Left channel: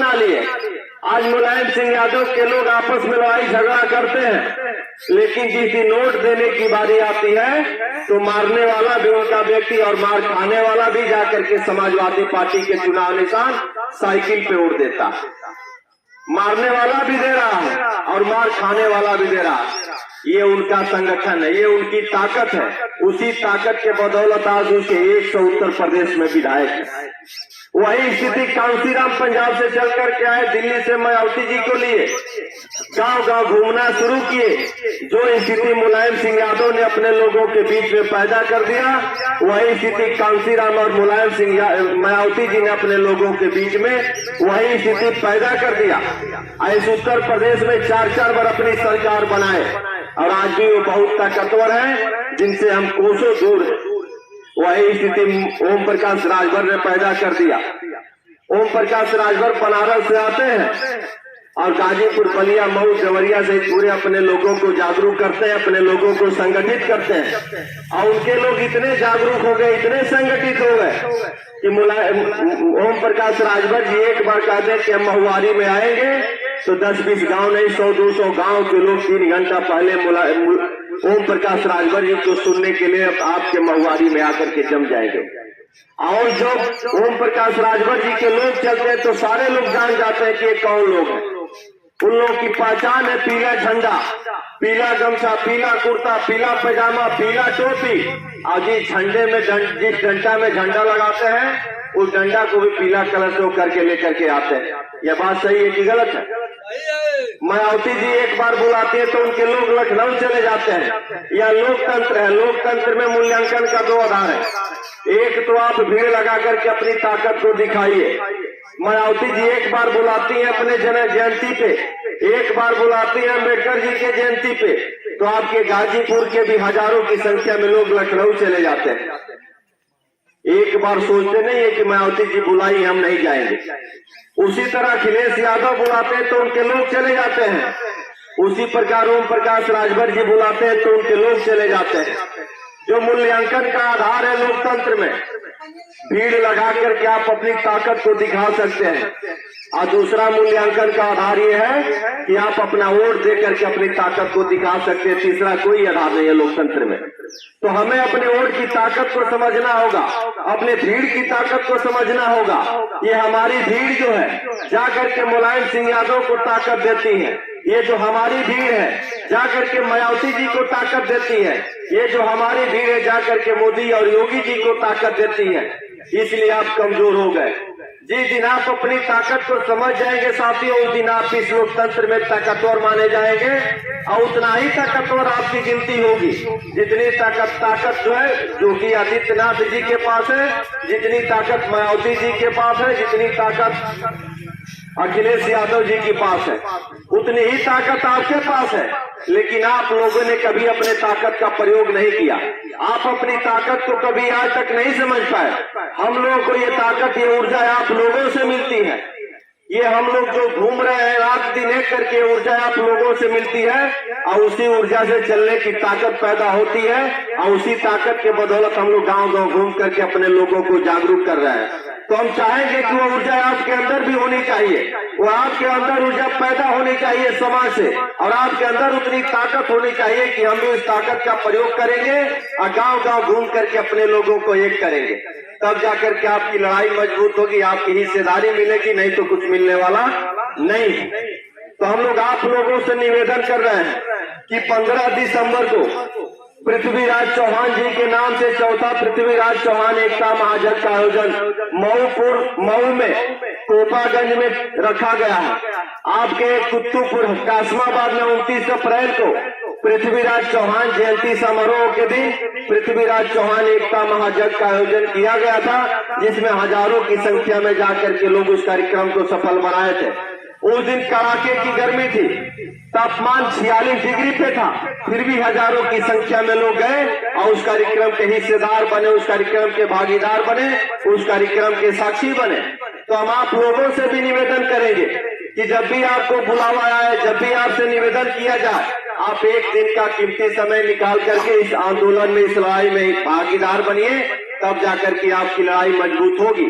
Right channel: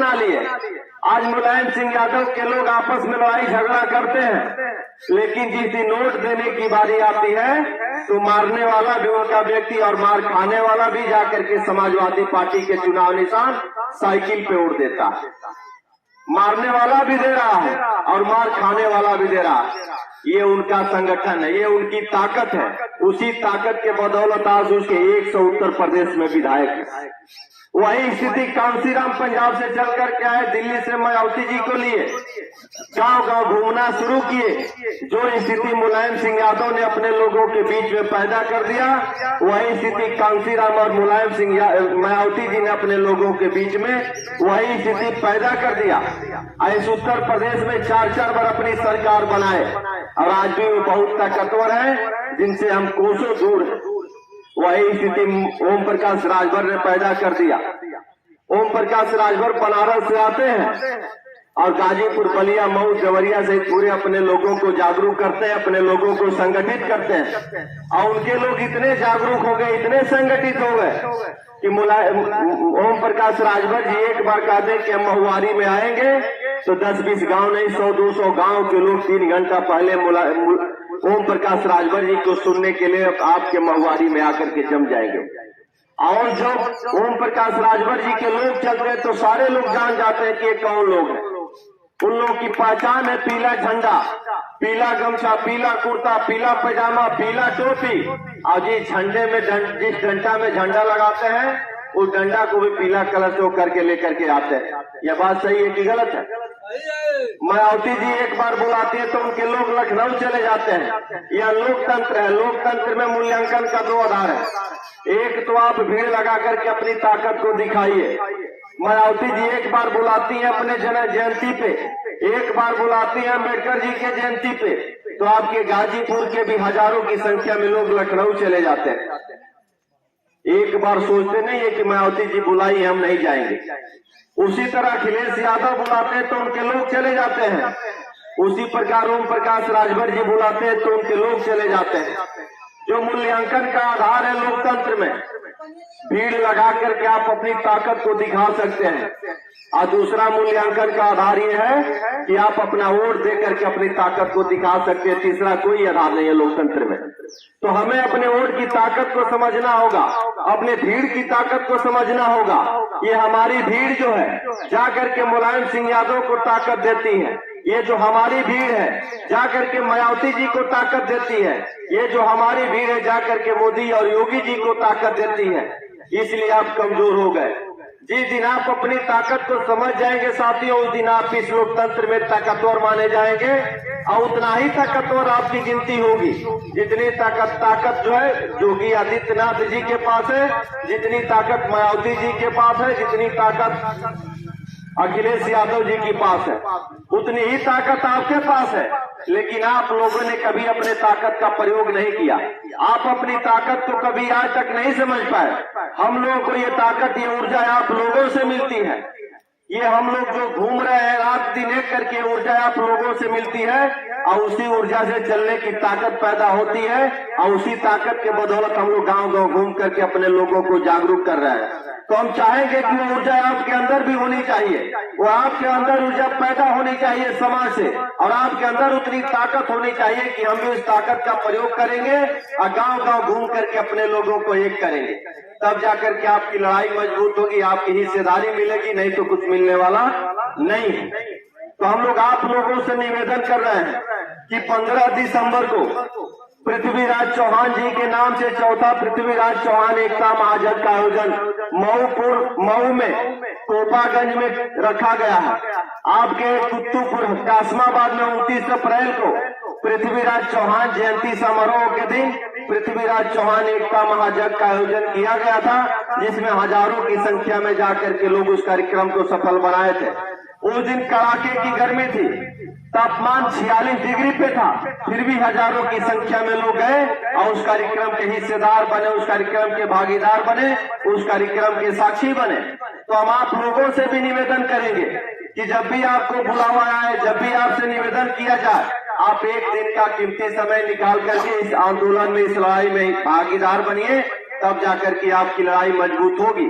बना लिए। आज मुलायम सिंह यादव के लोग आपस में लड़ाई झगड़ा करते हैं, लेकिन जिस दिन नोट देने की बारी आती है तो मारने वाला भी उनका व्यक्ति और मार खाने वाला भी जाकर के समाजवादी पार्टी के चुनाव निशान साइकिल पे उड़ देता है। मारने वाला भी दे रहा है और मार खाने वाला भी दे रहा है। ये उनका संगठन है, ये उनकी ताकत है। उसी ताकत के बदौलत आज उसके 100 उत्तर प्रदेश में विधायक है। वही स्थिति कांसीराम पंजाब से चल करके आए, दिल्ली से मायावती जी को लिए गांव गांव घूमना शुरू किए। जो स्थिति मुलायम सिंह यादव ने अपने लोगों के बीच में पैदा कर दिया, वही स्थिति कांसीराम और मुलायम सिंह मायावती जी ने अपने लोगों के बीच में वही स्थिति पैदा कर दिया। इस उत्तर प्रदेश में 4-4 बार अपनी सरकार बनाए और आज भी वो बहुत ताकतवर है, जिनसे हम कोसों दूर हैं। वही स्थिति ओम प्रकाश राजभर ने पैदा कर दिया। ओम प्रकाश राजभर बनारस से आते हैं और गाजीपुर, बलिया, मऊ, देवरिया से पूरे अपने लोगों को जागरूक करते हैं, अपने लोगों को संगठित करते हैं। और उनके लोग इतने जागरूक हो गए, इतने संगठित हो गए कि ओम प्रकाश राजभर जी एक बार कहते हैं कि हम महुआरी में आएंगे तो 10-20 गांव नहीं, 100-200 गांव के लोग 3 घंटा पहले ओम प्रकाश राजभर जी को सुनने के लिए आपके महुआरी में आकर के जम जाएंगे। और जब ओम प्रकाश राजभर जी के लोग चलते हैं तो सारे लोग जान जाते हैं कि ये कौन लोग हैं। उन लोगों की पहचान है पीला झंडा, पीला गमछा, पीला कुर्ता, पीला पैजामा, पीला टोपी। और जिस झंडे में जिस डंडा में झंडा लगाते हैं उस डंडा को भी पीला कलर से करके लेकर के आते हैं। यह बात सही है कि गलत है? मायावती जी एक बार बुलाते हैं तो उनके लोग लखनऊ चले जाते हैं। यह लोकतंत्र है। लोकतंत्र में मूल्यांकन का 2 आधार है। एक तो आप भीड़ लगा करके अपनी ताकत को दिखाइए। मायावती जी एक बार बुलाती हैं अपने जयंती पे, एक बार बुलाती हैं अम्बेडकर जी के जयंती पे, तो आपके गाजीपुर के भी हजारों की संख्या में लोग लखनऊ चले जाते हैं। एक बार सोचते नहीं है कि मायावती जी बुलाई हम नहीं जाएंगे। उसी तरह अखिलेश यादव बुलाते हैं तो उनके लोग चले जाते हैं। उसी प्रकार ओम प्रकाश राजभर जी बुलाते हैं तो उनके लोग चले जाते हैं। जो मूल्यांकन का आधार है लोकतंत्र में, भीड़ लगा करके आप अपनी ताकत को दिखा सकते हैं। और दूसरा मूल्यांकन का आधार ये है कि आप अपना वोट दे करके अपनी ताकत को दिखा सकते हैं। तीसरा कोई आधार नहीं है लोकतंत्र में। तो हमें अपने वोट की ताकत को समझना होगा, अपने भीड़ की ताकत को समझना होगा। ये हमारी भीड़ जो है जाकर के मुलायम सिंह यादव को ताकत देती है। ये जो हमारी भीड़ है जाकर के मायावती जी को ताकत देती है। ये जो हमारी भीड़ है जाकर के मोदी और योगी जी को ताकत देती है। इसलिए आप कमजोर हो गए। जिस दिन आप अपनी ताकत को समझ जाएंगे साथियों, उस दिन आप इस लोकतंत्र में ताकतवर माने जाएंगे और उतना ही ताकतवर आपकी गिनती होगी। जितनी ताकत जो है योगी आदित्यनाथ जी के पास है, जितनी ताकत मायावती जी के पास है, जितनी ताकत अखिलेश यादव जी के पास है, उतनी ही ताकत आपके पास है। लेकिन आप लोगों ने कभी अपने ताकत का प्रयोग नहीं किया। आप अपनी ताकत को कभी आज तक नहीं समझ पाए। हम लोगों को ये ताकत, ये ऊर्जा आप लोगों से मिलती है। ये हम लोग जो घूम रहे हैं रात दिन एक करके, ऊर्जा आप लोगों से मिलती है और उसी ऊर्जा से चलने की ताकत पैदा होती है। और उसी ताकत के बदौलत हम लोग गांव गांव घूम करके अपने लोगों को जागरूक कर रहे हैं। तो हम चाहेंगे कि वो ऊर्जा आपके अंदर भी होनी चाहिए। वो आपके अंदर ऊर्जा पैदा होनी चाहिए समाज से, और आपके अंदर उतनी ताकत होनी चाहिए कि हम भी उस ताकत का प्रयोग करेंगे और गांव गांव घूम करके अपने लोगों को एक करेंगे। तब जाकर के आपकी लड़ाई मजबूत होगी, आपकी हिस्सेदारी मिलेगी, नहीं तो कुछ मिलने वाला नहीं है। तो हम लोग आप लोगों से निवेदन कर रहे हैं कि 15 दिसंबर को पृथ्वीराज चौहान जी के नाम से 4था पृथ्वीराज चौहान एकता महायज्ञ का आयोजन मऊ में कोपागंज में रखा गया है। आपके कुतुबपुर कासमाबाद में 29 अप्रैल को पृथ्वीराज चौहान जयंती समारोह के दिन पृथ्वीराज चौहान एकता महायज्ञ का आयोजन किया गया था, जिसमें हजारों की संख्या में जाकर के लोग उस कार्यक्रम को सफल बनाए थे। उस दिन कड़ाके की गर्मी थी, तापमान 46 डिग्री पे था, फिर भी हजारों की संख्या में लोग गए और उस कार्यक्रम के हिस्सेदार बने, उस कार्यक्रम के भागीदार बने, उस कार्यक्रम के साक्षी बने। तो हम आप लोगों से भी निवेदन करेंगे कि जब भी आपको बुलावा आए, जब भी आपसे निवेदन किया जाए, आप एक दिन का कीमती समय निकाल करके इस आंदोलन में, इस लड़ाई में भागीदार बनिए। तब जाकर के आपकी लड़ाई मजबूत होगी।